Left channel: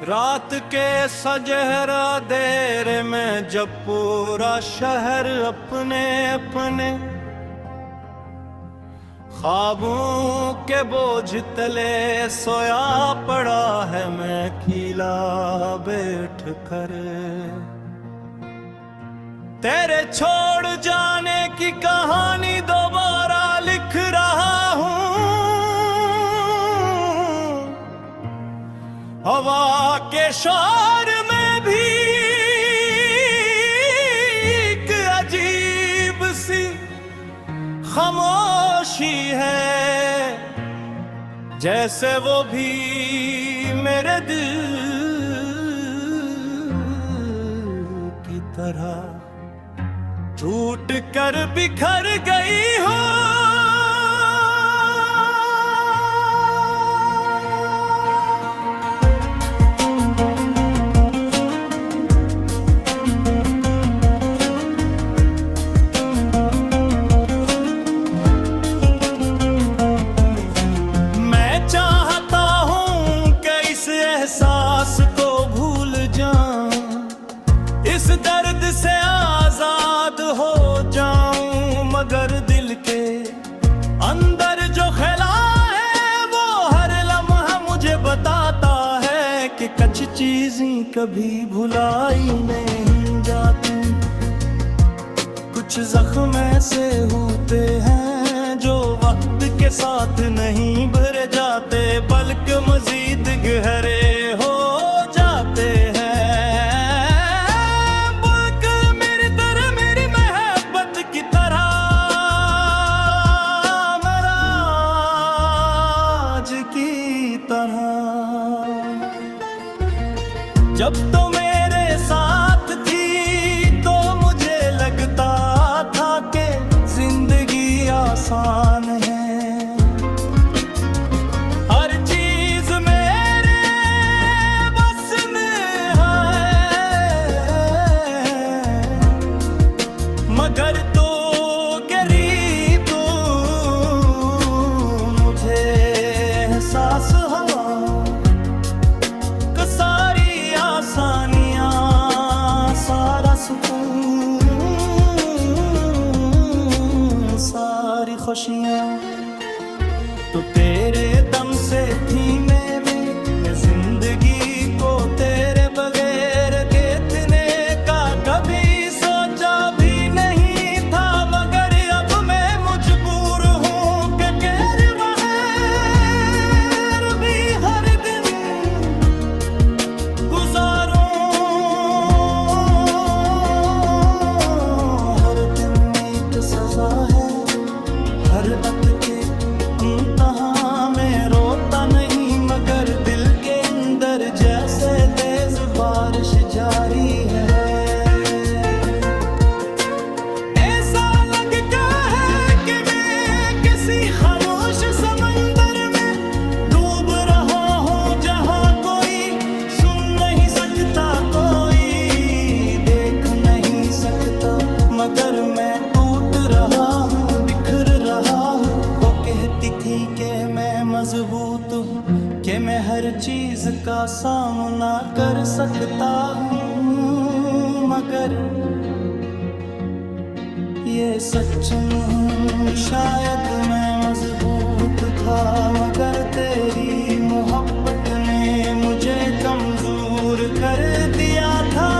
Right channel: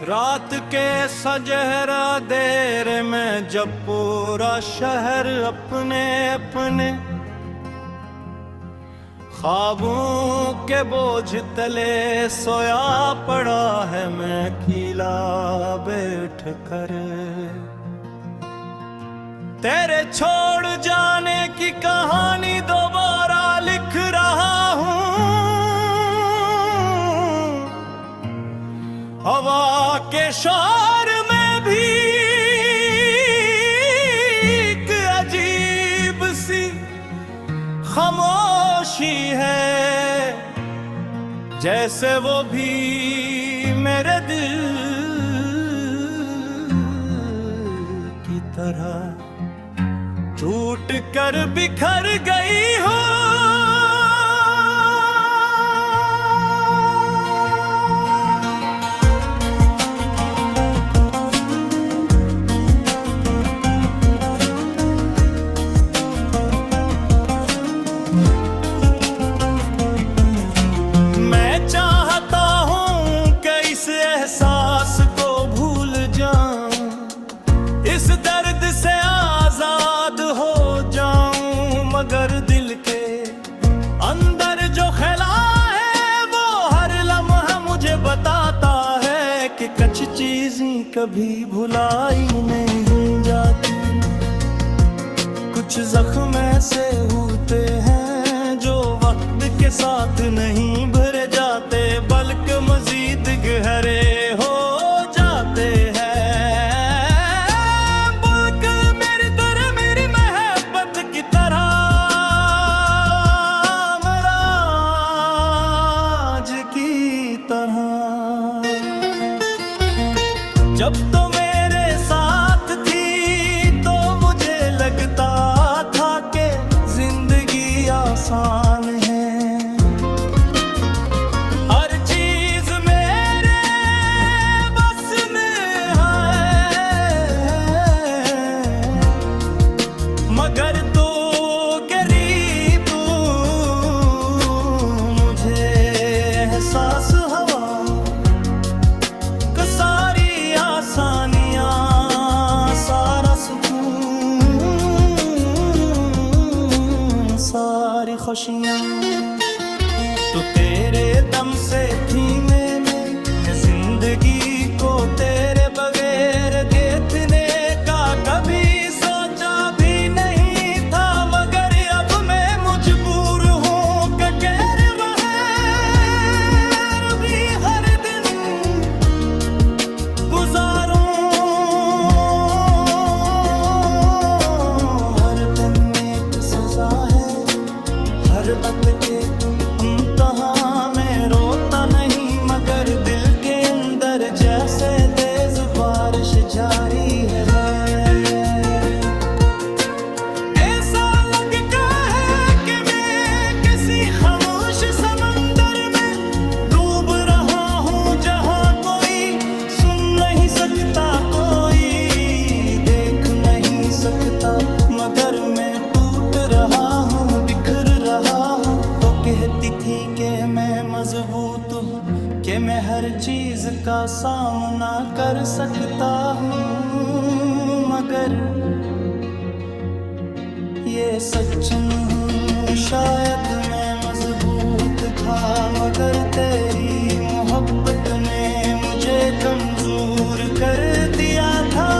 रात के सजहरा देर में जब पूरा शहर अपने अपने ख्वाबों के बोझ तले सोया पड़ा है, मैं अकेला बैठ कर तेरे छोड़ जाने की कहानी दोबारा लिख रहा हूँ। हवा के शोर में भी एक अजीब सी खामोशी है, जैसे वो भी मेरे दिल की तरह टूट कर बिखर गई हो। एहसास को भूल जाऊं, इस दर्द से आजाद हो जाऊं, मगर दिल के अंदर जो खला है वो हर लम्हा मुझे बताता है कि कुछ चीजें कभी भुलाई नहीं जाती। कुछ जख्म ऐसे होते हैं जो वक्त के साथ नहीं भरे जाते, बल्कि मजीद गहरे हो जाते हैं। बल्कि मेरी तरह, मेरी मोहब्बत की तरह, मेराज की तरह। जब तो मेरे साथ थी तो मुझे लगता था कि जिंदगी आसान है, हर चीज मेरे बस में है, मगर तो करीब तू मुझे एहसास हवा का सारी आसानियां, सारा सुकून, सारी खुशियां तो तेरे दम से थी मैं जिंदगी को तेरे बगैर देखने का कभी सोचा भी नहीं था, मगर अब मैं मजबूर हूँ कि कहर बगैर भी हर दिन गुजारूं। हर दिन एक सजा है, हर अत के इम्तिहां में रोता नहीं, मगर दिल के अंदर जैसे तेज बारिश जारी है। ऐसा लगता है कि मैं किसी खामोश समंदर में डूब रहा हूँ, जहाँ कोई सुन नहीं सकता, कोई देख नहीं सकता, मगर मैं टूट रहा हूँ, बिखर रहा हूँ। तो कहती थी कि मैं मजबूत हूँ, कि मैं हर चीज का सामना कर सकता हूँ, मगर ये सच नहीं। शायद मैं मजबूत था, मगर तेरी मोहब्बत ने मुझे कमजोर कर दिया था।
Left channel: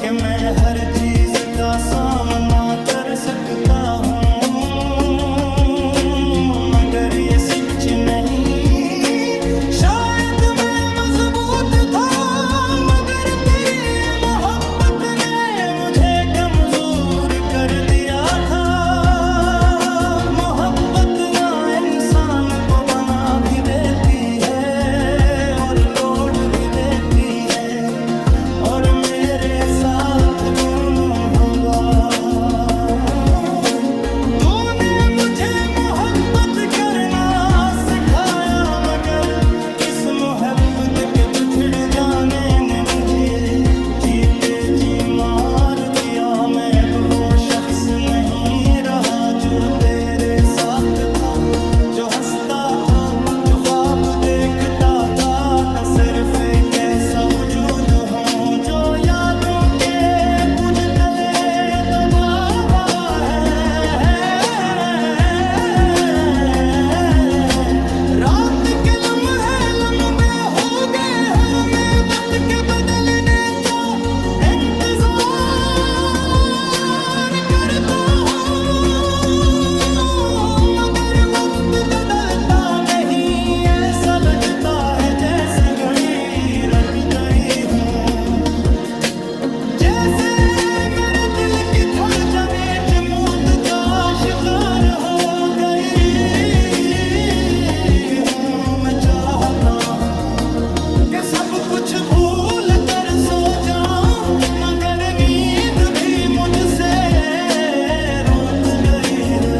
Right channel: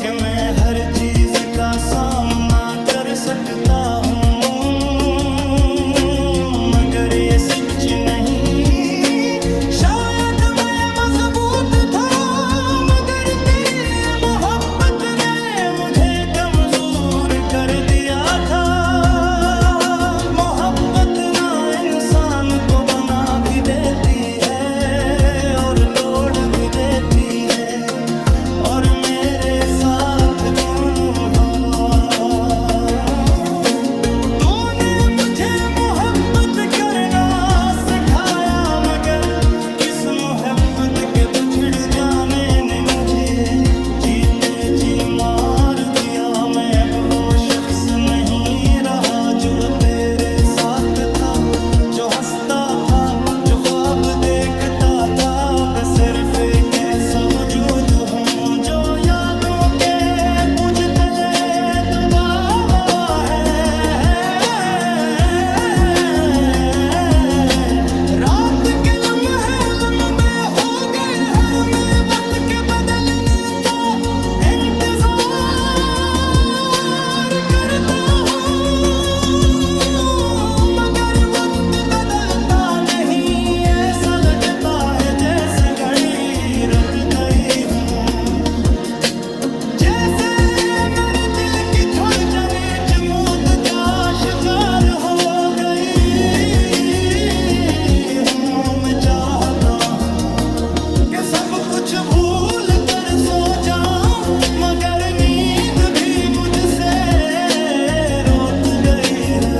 कि मैं हर चीज का सामना कर सकता हूँ, मगर ये सच नहीं। शायद मैं मजबूत था, मगर तेरी मोहब्बत ने मुझे कमजोर कर दिया था। मोहब्बत ना इंसान को बना भी देती है और तोड़ भी देती है, और मेरे साथ दोनों हवा। तूने मुझे जो हंसता था, जो ख्वाब देखता था, कि सिर्फ एक ऐसा वजूद हूँ जो यादों के बुझ तले दबा हुआ है। रात के लम्हे लम्बे हो गए, हर में वक्त के बदलने का इंतजार करता हूँ, मगर वक्त बदलता नहीं, ऐसा लगता है जैसे घड़ी रख गई हूँ। जैसे मेरे दिल की धड़कने जमूद का शिकार हो गई हूँ। मैं चाहता हूँ कि सब कुछ भूल कर सो जाऊं, मगर नींद भी मुझसे रोत गई है।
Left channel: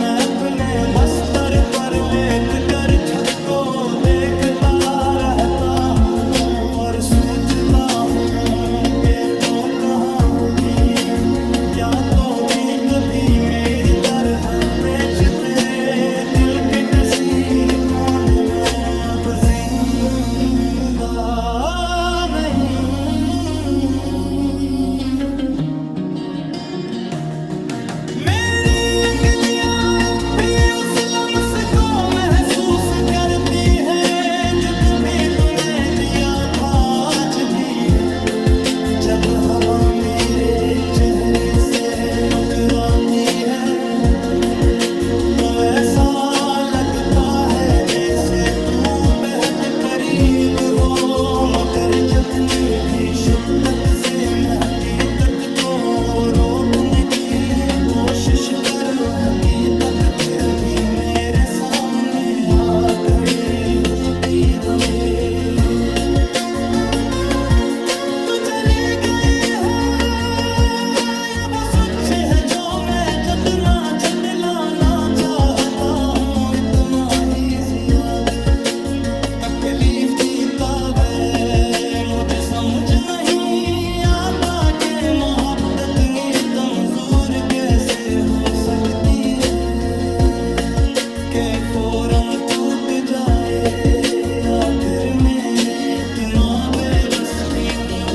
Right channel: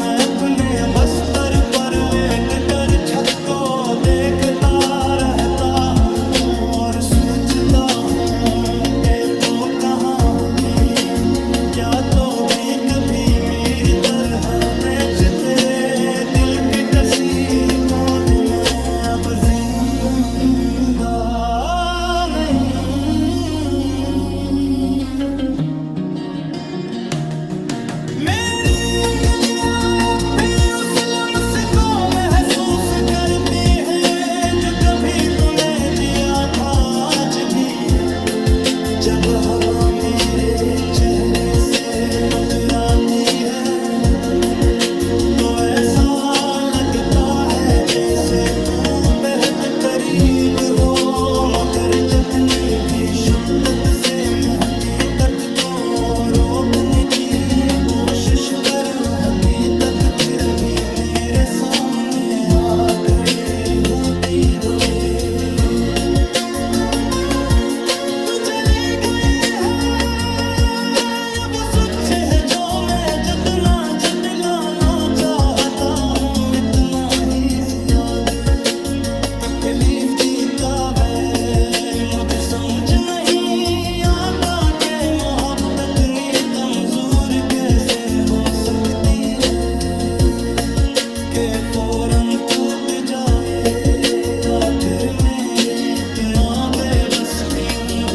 मैं अपने बस्तर पर लेट कर छत को देखता रहता हूँ और सोचता हूँ कि तो कहाँ होगी, क्या तो भी कभी मेरी तरह तेज तेरे दिल के कसी कोने में अब जिंदा नहीं। मेरी अंगलियां अब भी उस लम्स को महसूस करती हैं जो कभी तूने दिया था। आज भी जब हवा मेरे चेहरे से टकराती है तो ऐसा लगता है जैसे तू बेहद करीब हो, मगर जितनी भी शक्कत से मैं हकीकत को रोकने की कोशिश करूं, हकीकत फिर भी मेरे सामने आ खड़ी होती गवे। तू चली गई है, ये वो सच है जो मैं जितना झटलाना चाहता हूँ, इतना ही ज्यादा तकलीफ जीता है। मुझे समझ नहीं आता कि मोहब्बत इतनी कमजोर कैसे हो सकती है, कि फौरन टूट जाए, या फिर मेरे इतना बेबस क्यों